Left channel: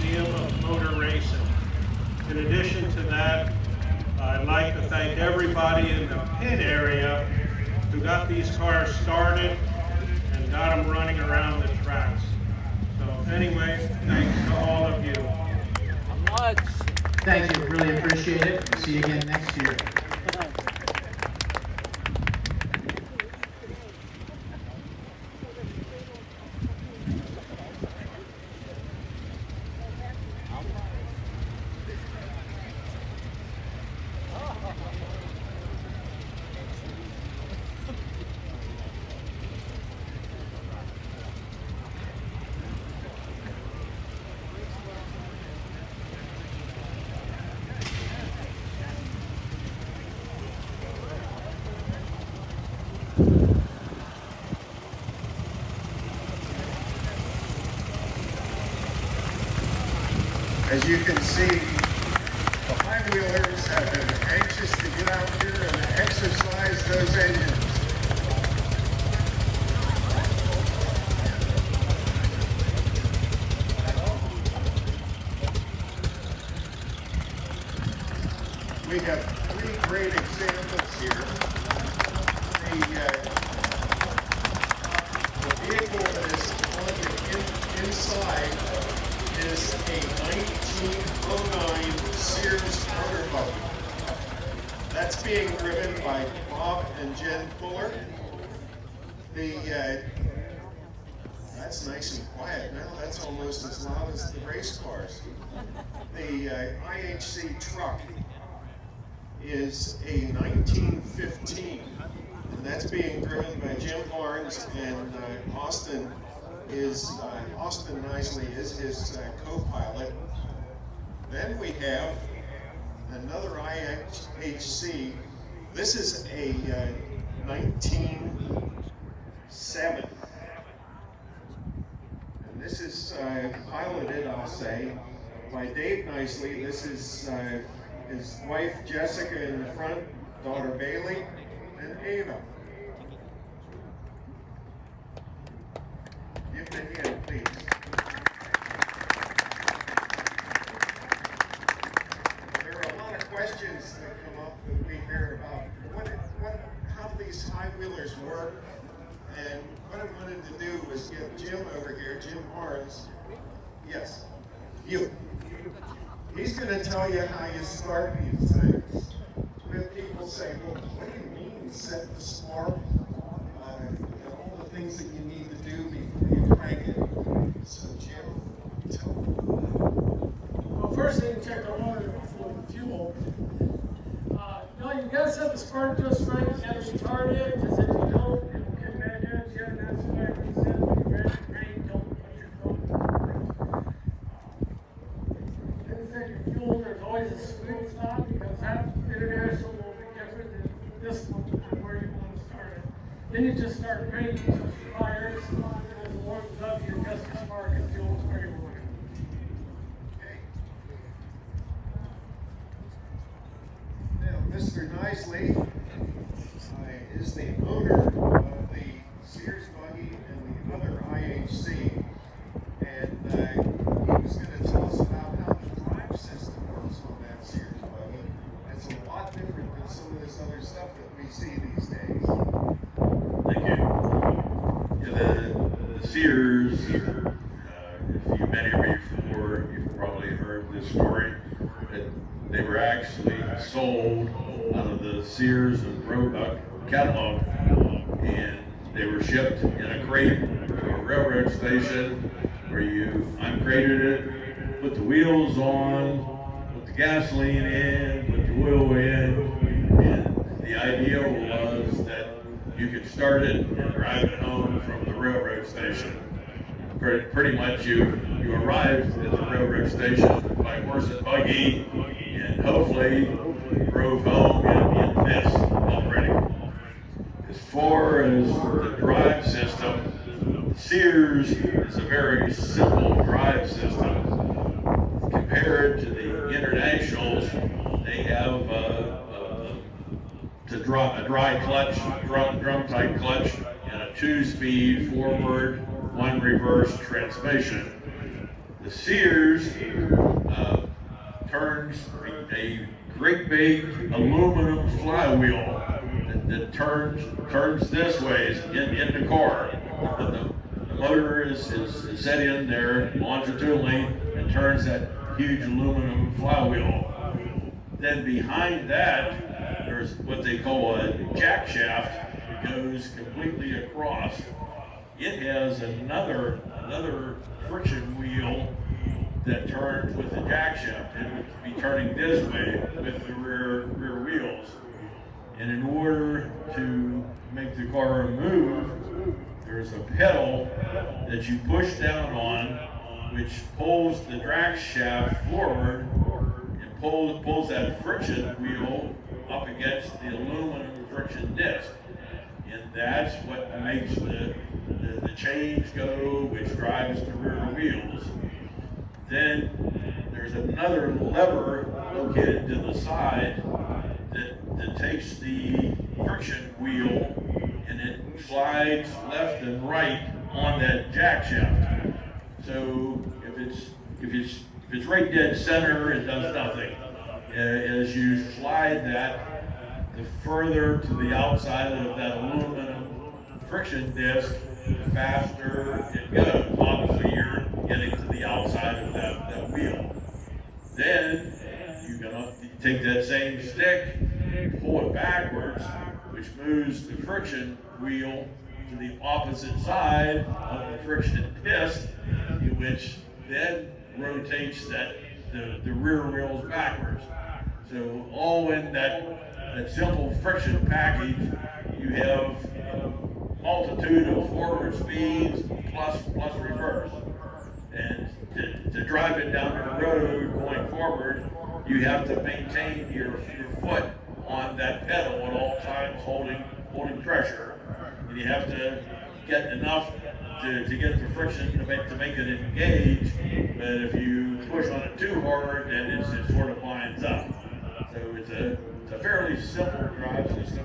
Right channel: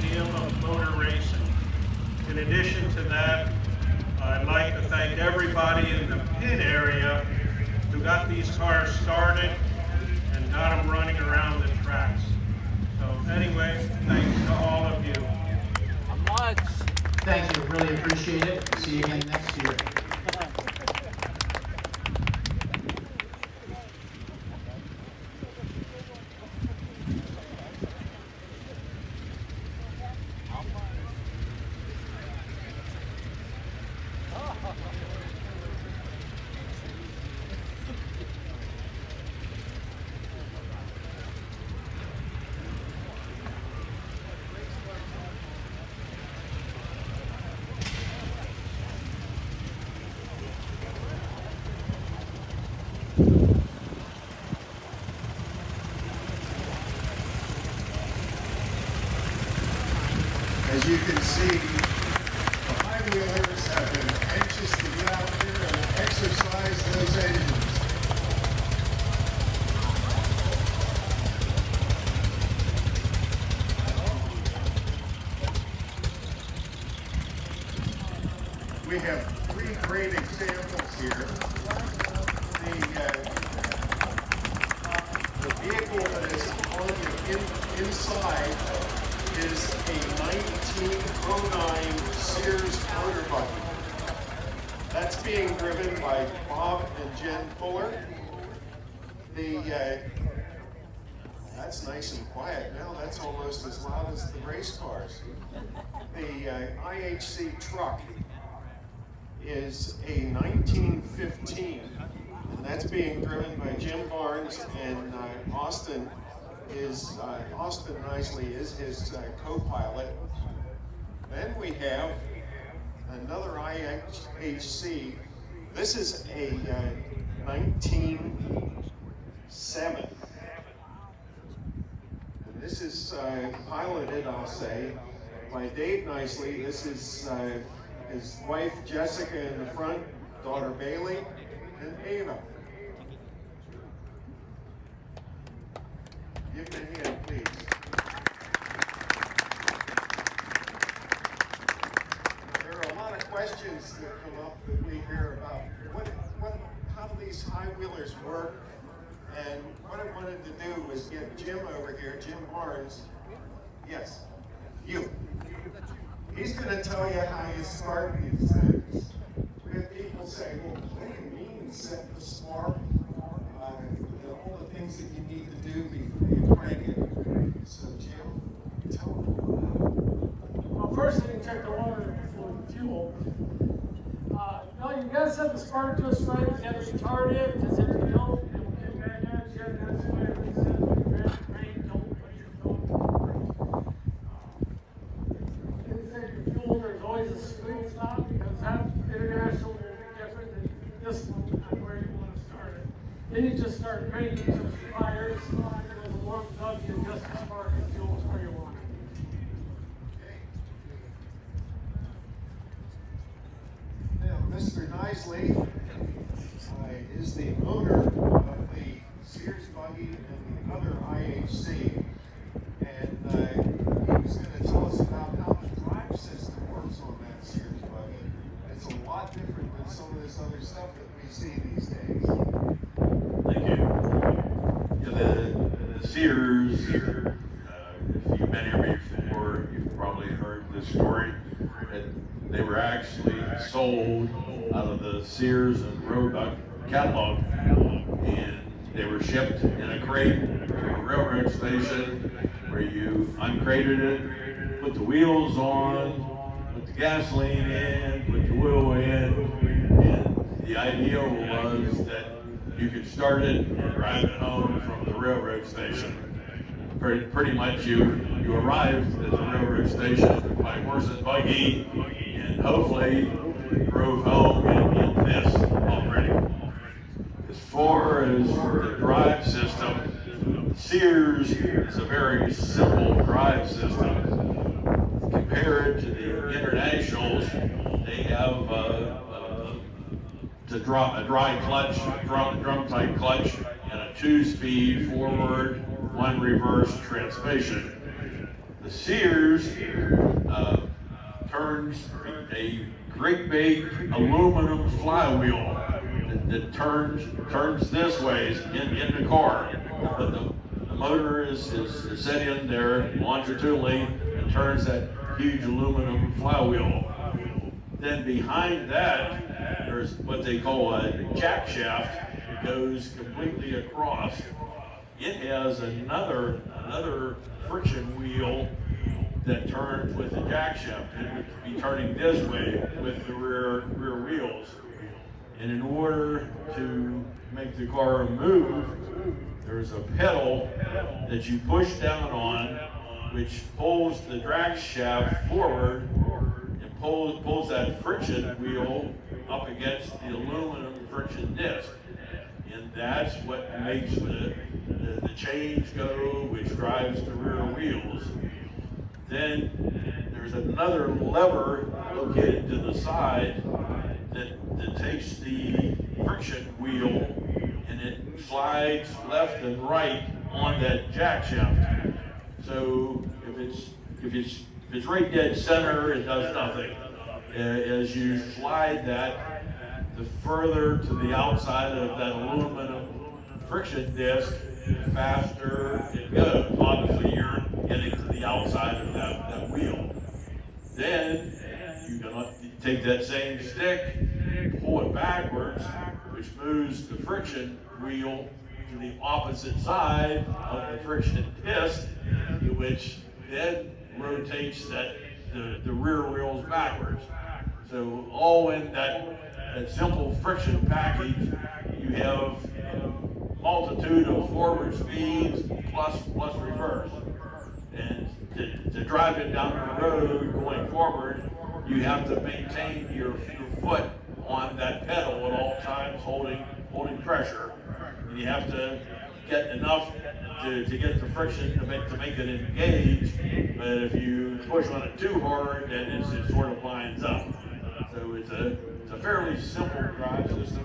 Museum of Motor Racing. In addition to that, I'd like to thank everybody in the pit area who got these cars started and got them running around the tracks. So anyway, thanks to all of you. Thank you, really appreciate it. See you again next year. As you can see, the high-wheelers have been anxious to get out there and exercise those engines. We have three great examples here. The vehicle that is on the inside is a 1909 Sears motor buggy. That's being driven by Bob and Jen Fuller. That's nice and quiet now. That's almost as loud as the race cars. The IHC truck is a 1915, and that's being driven by Jim Barnes, and Austin Nicely is his co-pilot. Then we have another IHC. This is a 1907. And this is piloted, I'll say, by Dave Nicely. This is his wife Jessica in the front, daughter Bailey, and Ava. Give them a hand, please. There are a lot of questions that come up that we hear about how these high-wheelers work, and what I wanted to do was get Jim over here, Jim Barnes. Yes, you. He's going to tell you how you start these things. We have people say, well, what do you mean set the spark? All the things that you need to do before you crank it. So Jim, tell them. Well, first thing, check the water for the fuel. No, you gotta set the spark just right. You gotta start it, because if you don't, it'll get back at you. That's why we said when you're ready to brake, don't put your foot on the brake. Inside your fuel, there's always a sweet spot, because that international will be different than this one, where you want to start it. Then you just start cranking to the fires, and as long as you adjust the spark and fuel to where you want it. Now, Mr. Nicely is the owner of the Sears buggy and the other IHC, and he was going to tell us about how the drive system works on that Sears buggy. It's a lot different than some of this other stuff that we see these days. Thank you. Yeah, the Sears, if you've been here before, you've probably heard this story. They were actually sold out of the Sears and Roebuck catalog, and they were shipped in a crate to a railroad station where you uncrated it, put the wheels on, put the gasoline in, put the oil in, and the idea was that you could start it and drive it home from the railroad station. Pretty much you arrived at the railroad station by horse and buggy, and hopefully drove home in this already. As far as the drive system, Sears is a very simple drive system. Compared to the internationals, they have a dry clutch, drum type clutch, and a 2-speed forward, 1 reverse transmission. The Sears turns a great big aluminum flywheel that turns this way in the car. The motor is set in there longitudinally and turns that huge aluminum flywheel. Then behind that, there's what they call a jack shaft that goes completely across. It has another friction wheel that turns with the jack shaft. It would be turning this way with the rear wheels. And in order to make the car move, there's a pedal that you push down on, which pulls the drag shaft forward and pulls that friction wheel up against the aluminum friction disc. And that's what makes the change go, which drives the rear wheels. Then there's another lever located to the side that takes the friction wheel and it slides left and right on that jack shaft. So if it's right dead center, it does nothing. As you slide that, the further to the outside of that aluminum friction disc, the faster it goes. Obviously, you're getting to the outside of that wheel. Then you take that same stick, pull it backwards, which moves the friction wheel to the opposite side of the friction disc, which then rotates the rear wheels backwards. So all in that simple friction package, you have a multitude of forward speeds plus reverse. And to drive it down the road going forward, you have to maintain your foot on that pedal at all times, holding pressure. And you have to get enough to get the friction to make it engage. But if you push on it too hard, then it sort of lines up. So it's a fairly simple drive system,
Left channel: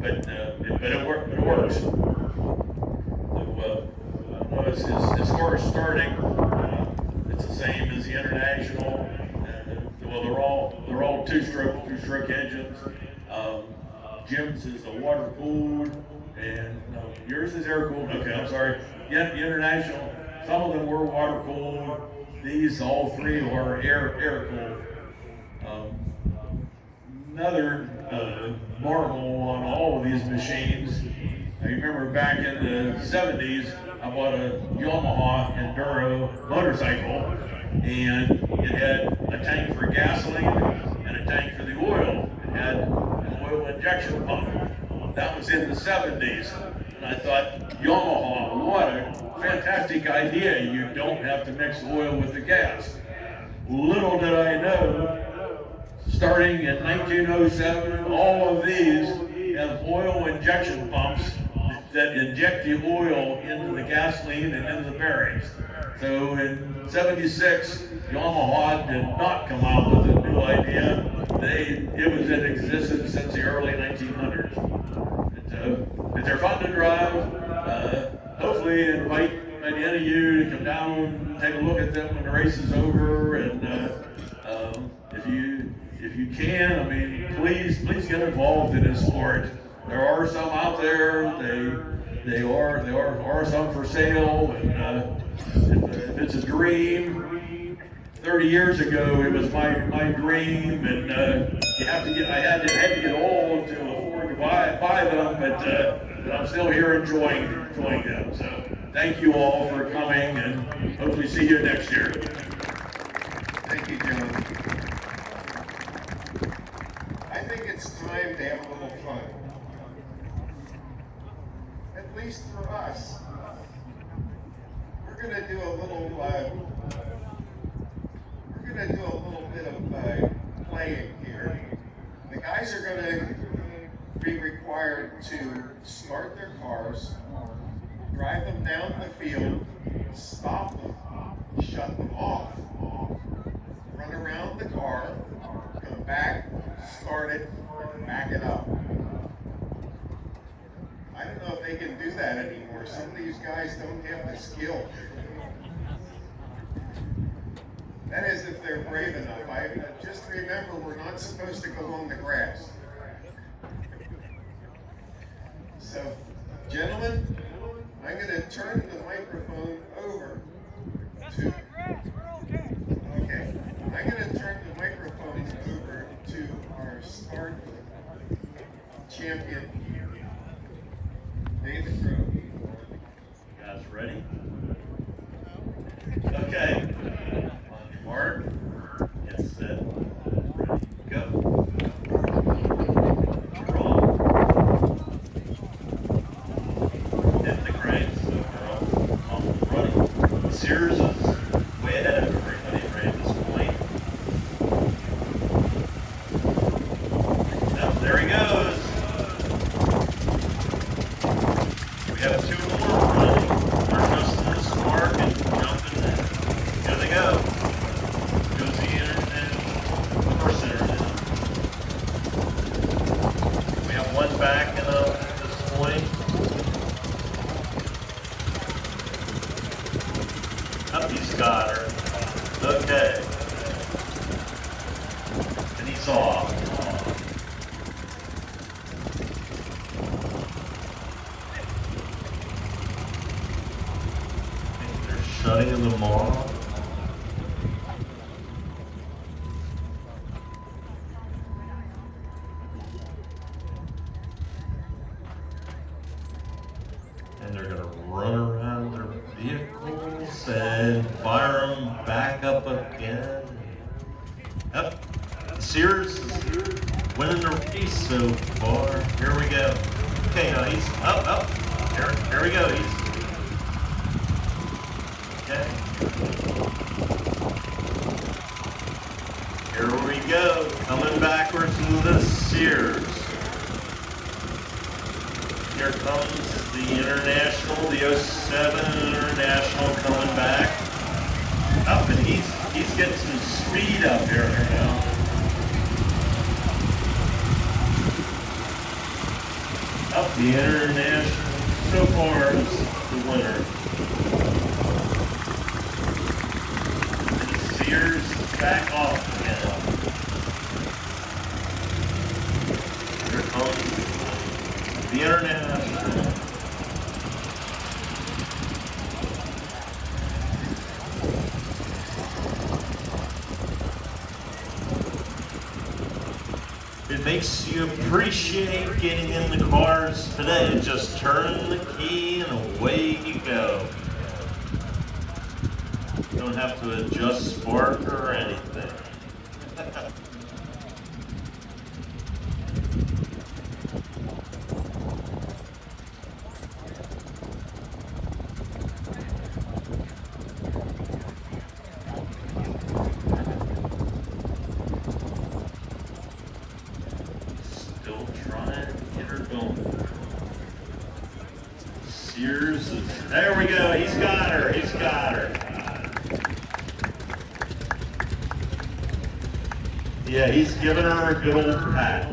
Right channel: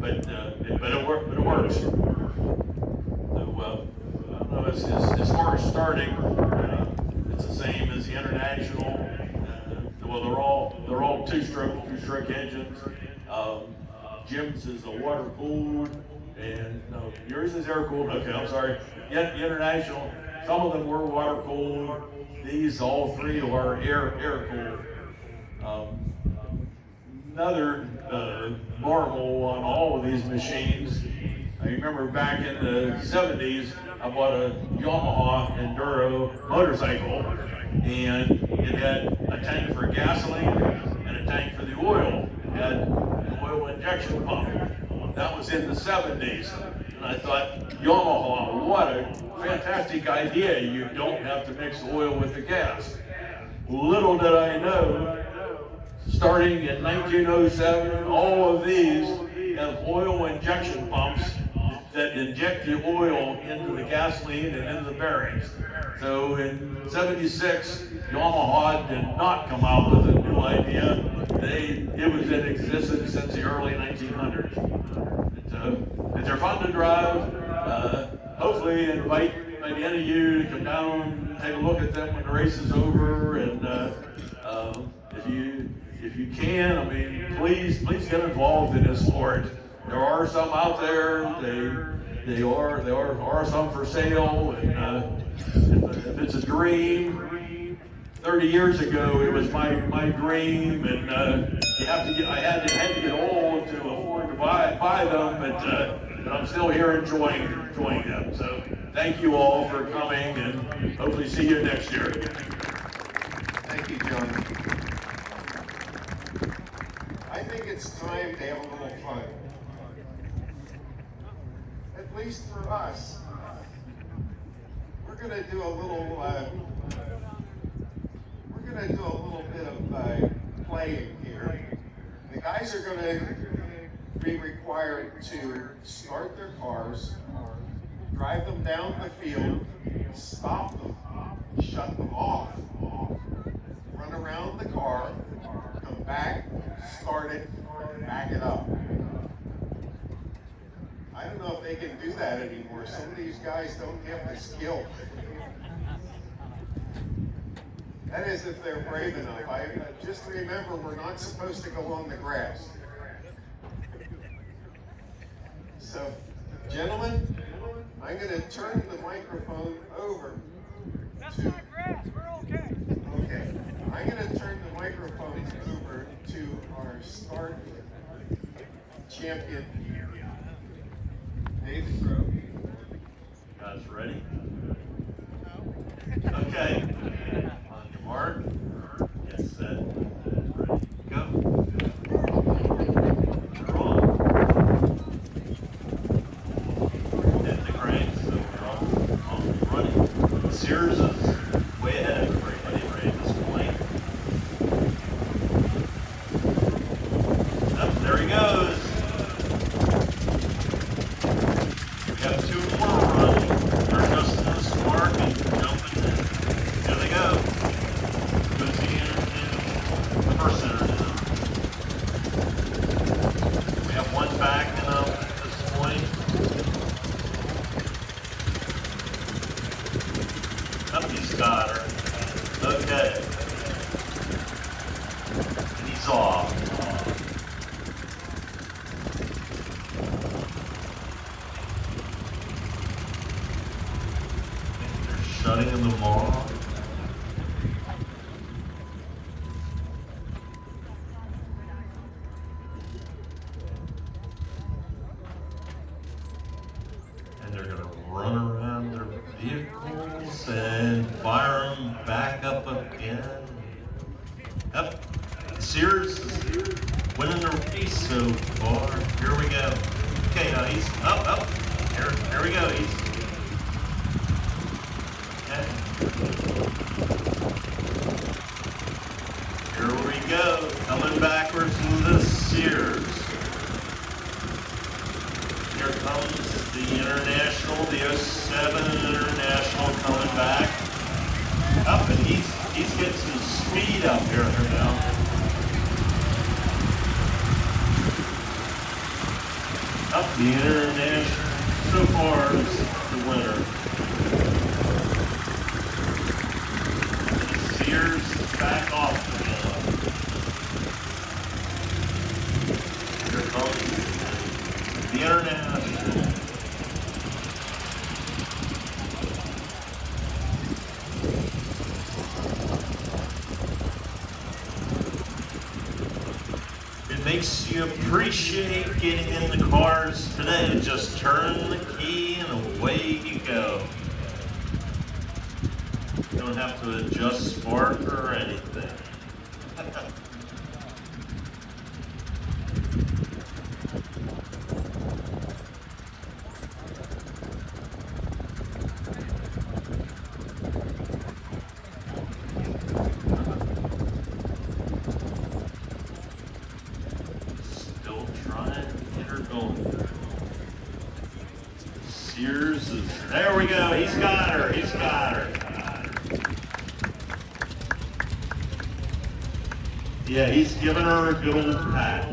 but it works. So, as far as starting, it's the same as the International. Well, they're all two-stroke engines. Jim's is a water cooled, and no, yours is air cooled. Okay, I'm sorry. Yet the International, some of them were water cooled. These all three are air cooled. Another normal on all of these machines. I remember back in the 70s, I bought a Yamaha Enduro motorcycle, and it had a tank for gasoline and a tank for the oil. It had an oil injection pump. That was in the 70s. And I thought, Yamaha, what a fantastic idea. You don't have to mix oil with the gas. Little did I know, starting in 1907, all of these have oil injection pumps that inject the oil into the gasoline and into the bearings. So in 76, Yamaha did not come out with a new idea. It was in existence since the early 1900s. They're fun to drive. Hopefully invite any of you to come down and take a look at them when the race is over. And if you can, I mean, please get involved in this sport. There are some out there. There are some for sale. And if it's a dream, 30 years ago it was my dream, and I had to get old to afford to buy them, but I'm still here enjoying them. So thank you all for coming, and hopefully see you next year. Thank you, John. I think it's time to have a little fun. At least for us. We're gonna do a little bit of playing here. The guys are gonna be required to start their cars, drive them down the field, stop them, shut them off, run around the car, come back, start it, back it up. I don't know if they can do that anymore. Some of these guys don't have the skill. That is if they're brave enough. Just remember, we're not supposed to go on the grass. So, gentlemen, I'm going to turn the microphone over to... grass, we're okay. Okay. I'm going to turn the microphone over to our start champion, David Grove. You guys ready? Okay. Mark, get set, ready, go. Draw. Hit the cranks, so they're off running. Sears is way ahead of everybody right at this point. Oh, there he goes. We have two more running. They're just in the spark and jumping in. Here they go. Goes the international, first international. We have one backing up at this point. Up he's got her. Okay. And he's off. Shutting them off. And they're going to run around their vehicles and fire them back up again. Yep. Sears is winning the race so far. Here we go. Okay, now he's up. Here we go. He's here we go, coming backwards in the Sears. Here comes the International, the 07 International coming back. Up, and he's getting some speed up here now. Up, the International so far is the winner. Sears is back off again. Here comes the International. It makes you appreciate getting in the cars today. Just turn the key and away you go. Don't have to adjust spark or anything. Still trying to get her going. Sears is, there we go, he's got her. Yeah, he's giving her a good old pat.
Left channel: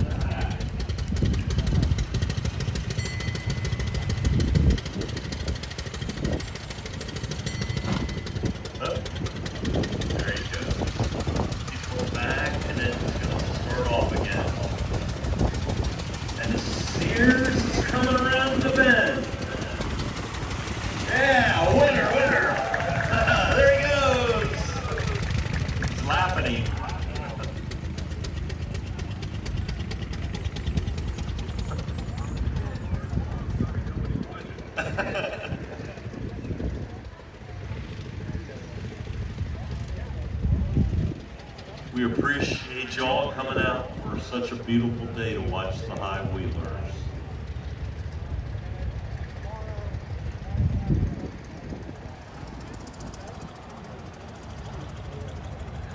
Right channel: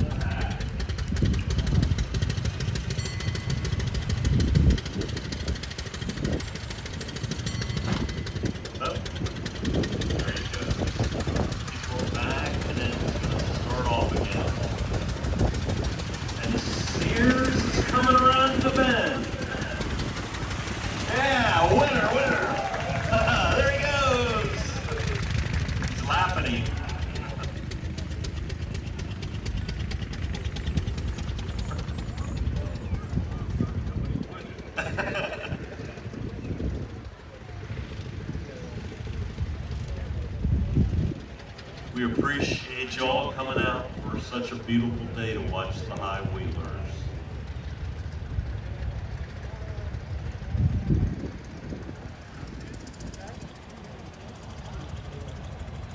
Oh, there he goes. He's going back and then he's going to start off again. And Sears is coming around the bend. Yeah, winner. There he goes. He's laughing. We appreciate you all coming out for such a beautiful day to watch the high wheelers.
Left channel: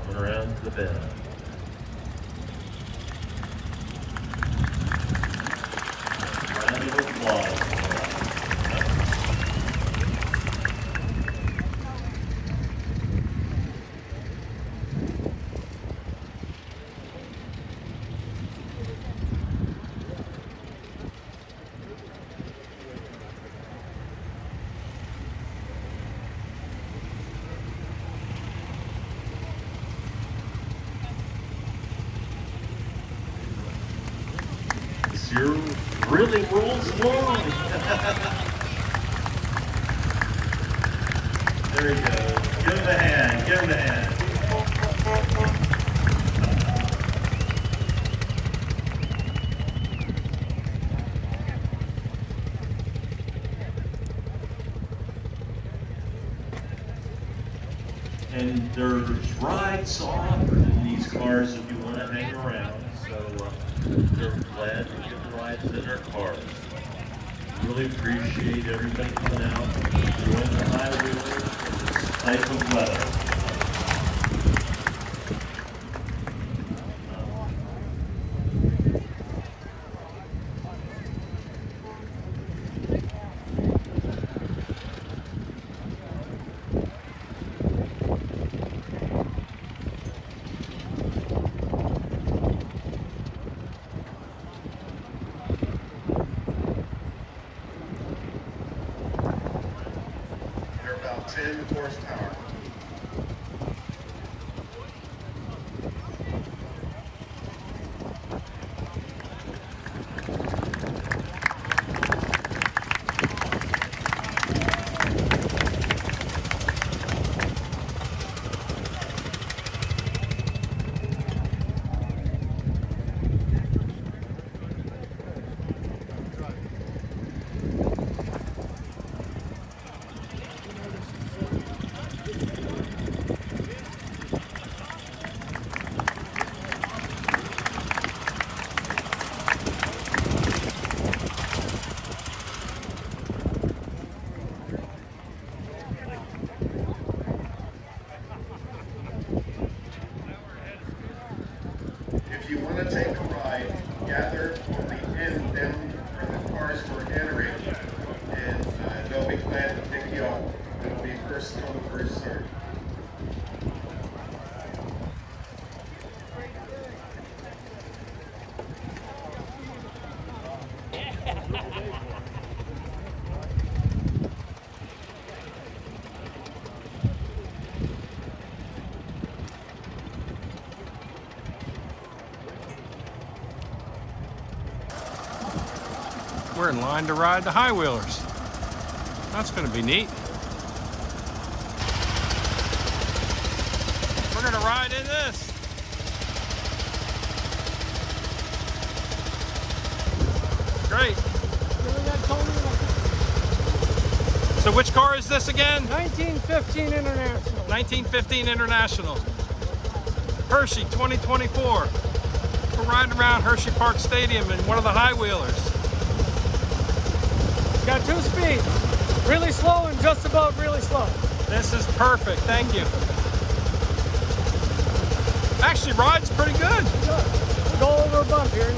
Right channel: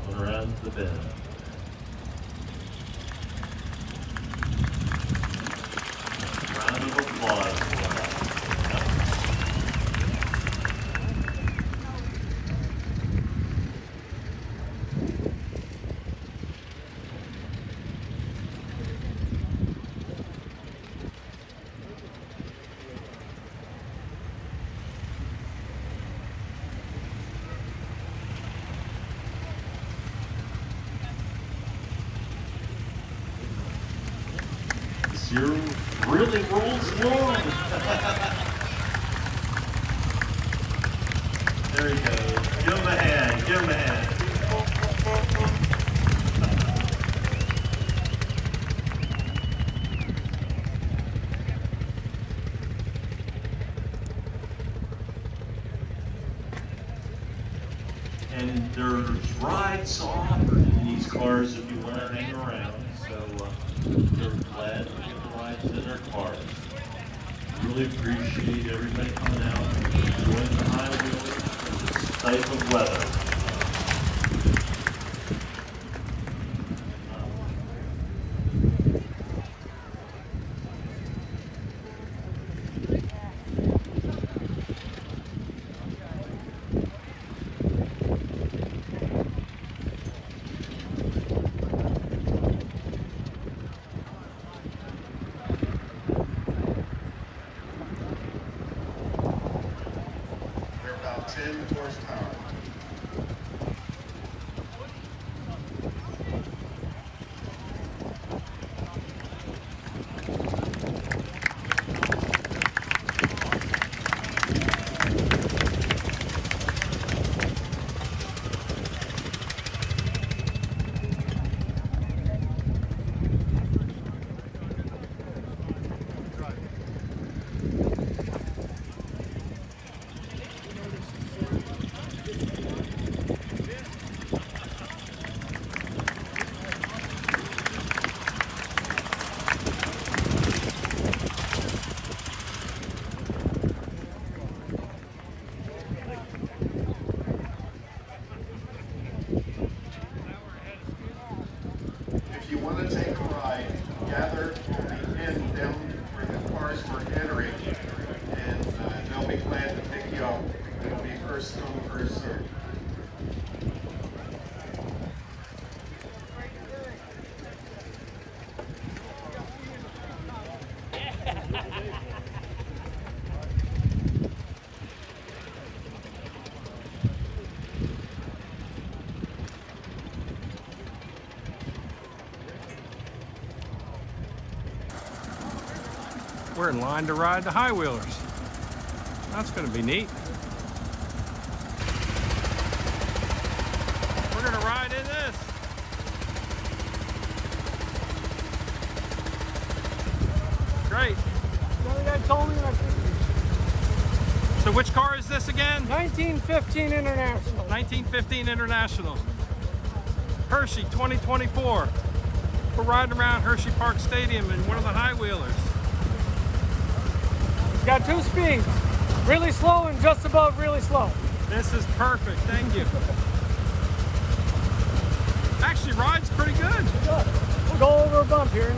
Coming around the bend. Round of applause. Sears really rolls along. There he goes. Give him a hand. Give him a hand. And there's rides offered in these cars if you want to hang around. So they're glad to get the rides in their cars. Really appreciate everybody coming out and enjoying the high wheels in this type of weather. They're about 10 horsepower. If you want to take a ride, gather at the end down where the cars were entering, and they'll be glad to pick you up. It'll be first come, first served. We're in line to ride the high wheelers. That's going to be neat. We're going to ride in this. Great. So which car is this again? 1915 International. 1915 International. Hershey 2024. We're riding around Hershey Park Stadium in one of the high wheelers. Got 2 speeds. Really slow and just about really slow. This is perfect, thank you. Actually, ride's pretty good. Go over a bump here.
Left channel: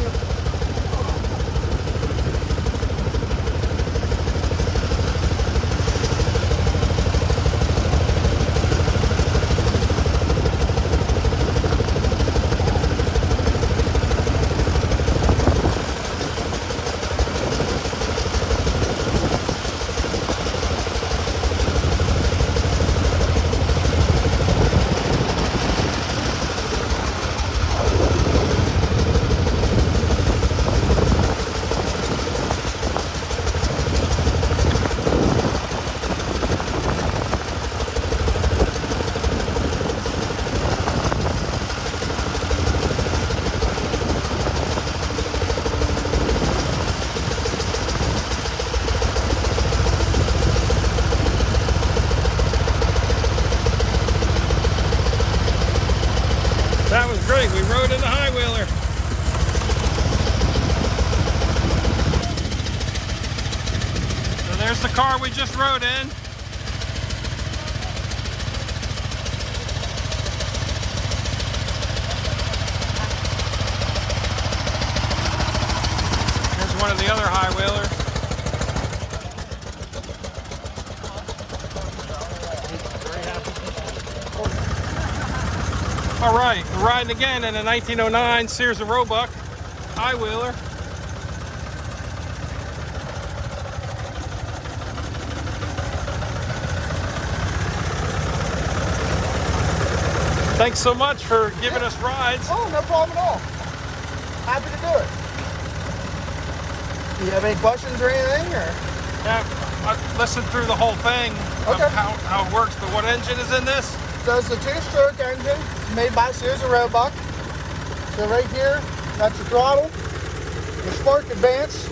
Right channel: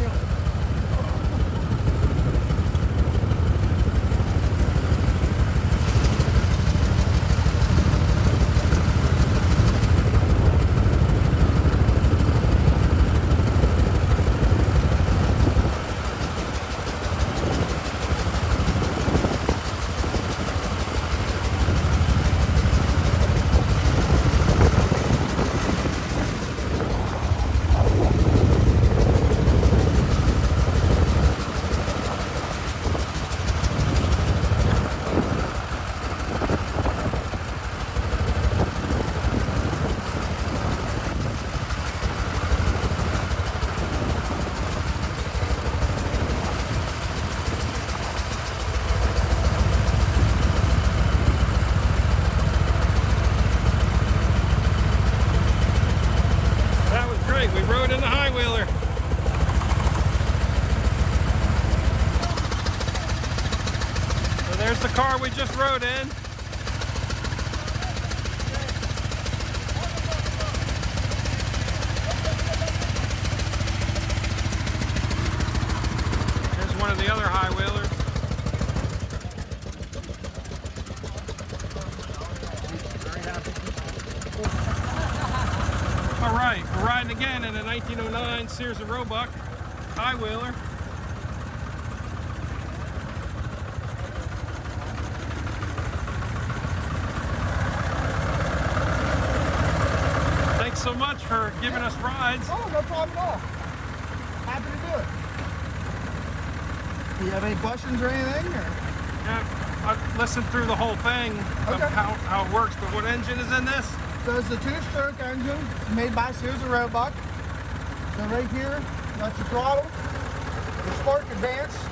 We rode in the high wheeler. So there's the car we just rode in. Here's one of the other high wheelers. All right, we're riding again in a 1909 Sears and Roebuck high wheeler. Thanks so much for giving us rides. Oh, no problem at all. Happy to do it. You have any questions or anything? Or? Yeah, I listened through the whole thing of Okay. how it works, but what engine is in this? So it's a 2-stroke engine made by Sears and Roebuck. So right here, that's your throttle. Your spark advance,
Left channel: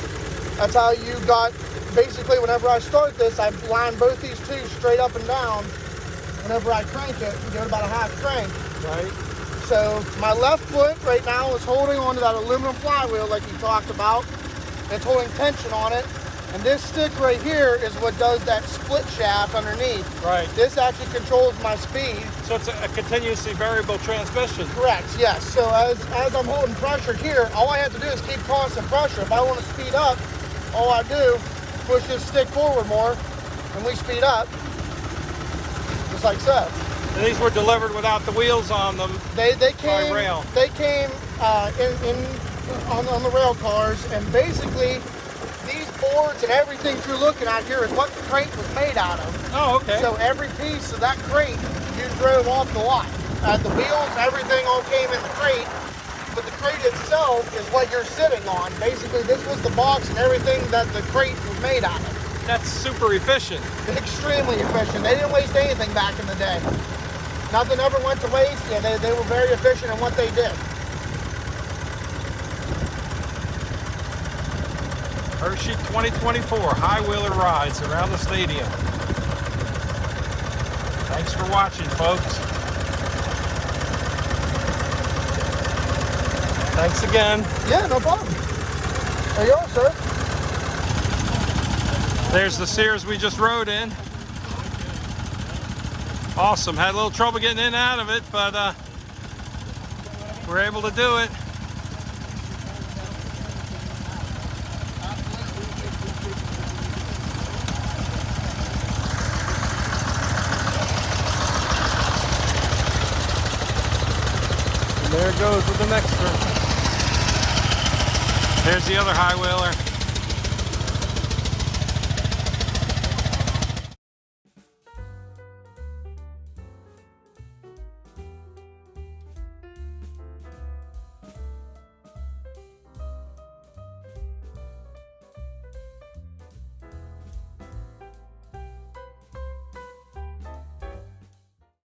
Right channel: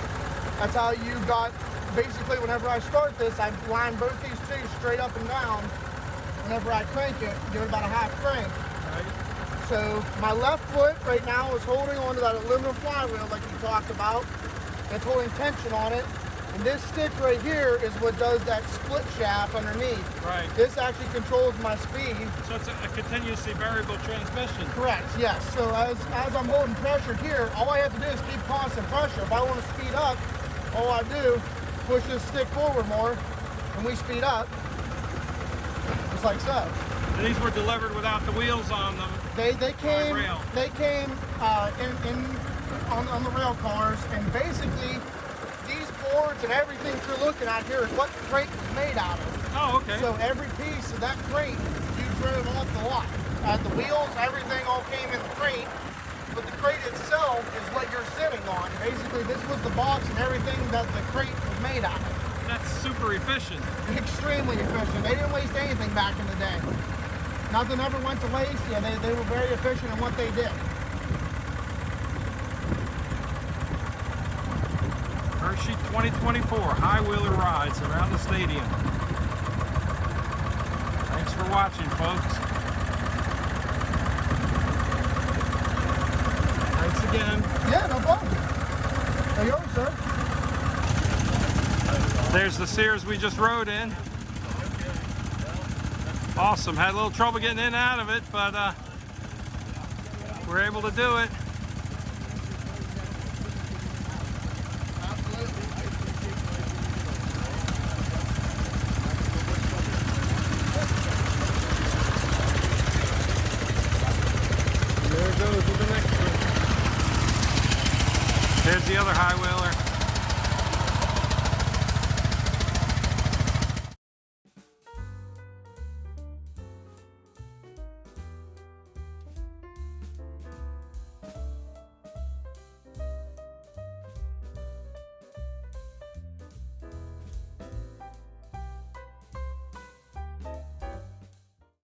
that's how you got, basically whenever I start this, I line both these two straight up and down. Whenever I crank it, you get about a half crank. Right. So my left foot right now is holding onto that aluminum flywheel like you talked about. It's holding tension on it. And this stick right here is what does that split shaft underneath. Right. This actually controls my speed. So it's a continuously variable transmission. Correct, yes. So as I'm holding pressure here, all I have to do is keep constant pressure. If I want to speed up, all I do, push this stick forward more, and we speed up, just like so. And these were delivered without the wheels on them. They came By rail. They came on the rail cars, and basically these boards and everything you're looking at here is what the crate was made out of. Oh, okay. So every piece of that crate you drove off the lot. The wheels, everything all came in the crate, but the crate itself is what you're sitting on. Basically, this was the box and everything that the crate was made out of. That's super efficient. Extremely efficient. They didn't waste anything back in the day. Nothing ever went to waste, and they were very efficient in what they did. Hershey 2024 high wheeler rides around the stadium. Thanks for watching, folks. Thanks again. Yeah, no problem. There you are, sir. There's the Sears we just rode in. Awesome. Had a little trouble getting in and out of it, but we're able to do it. And there it goes with the next one. There's the other high wheeler.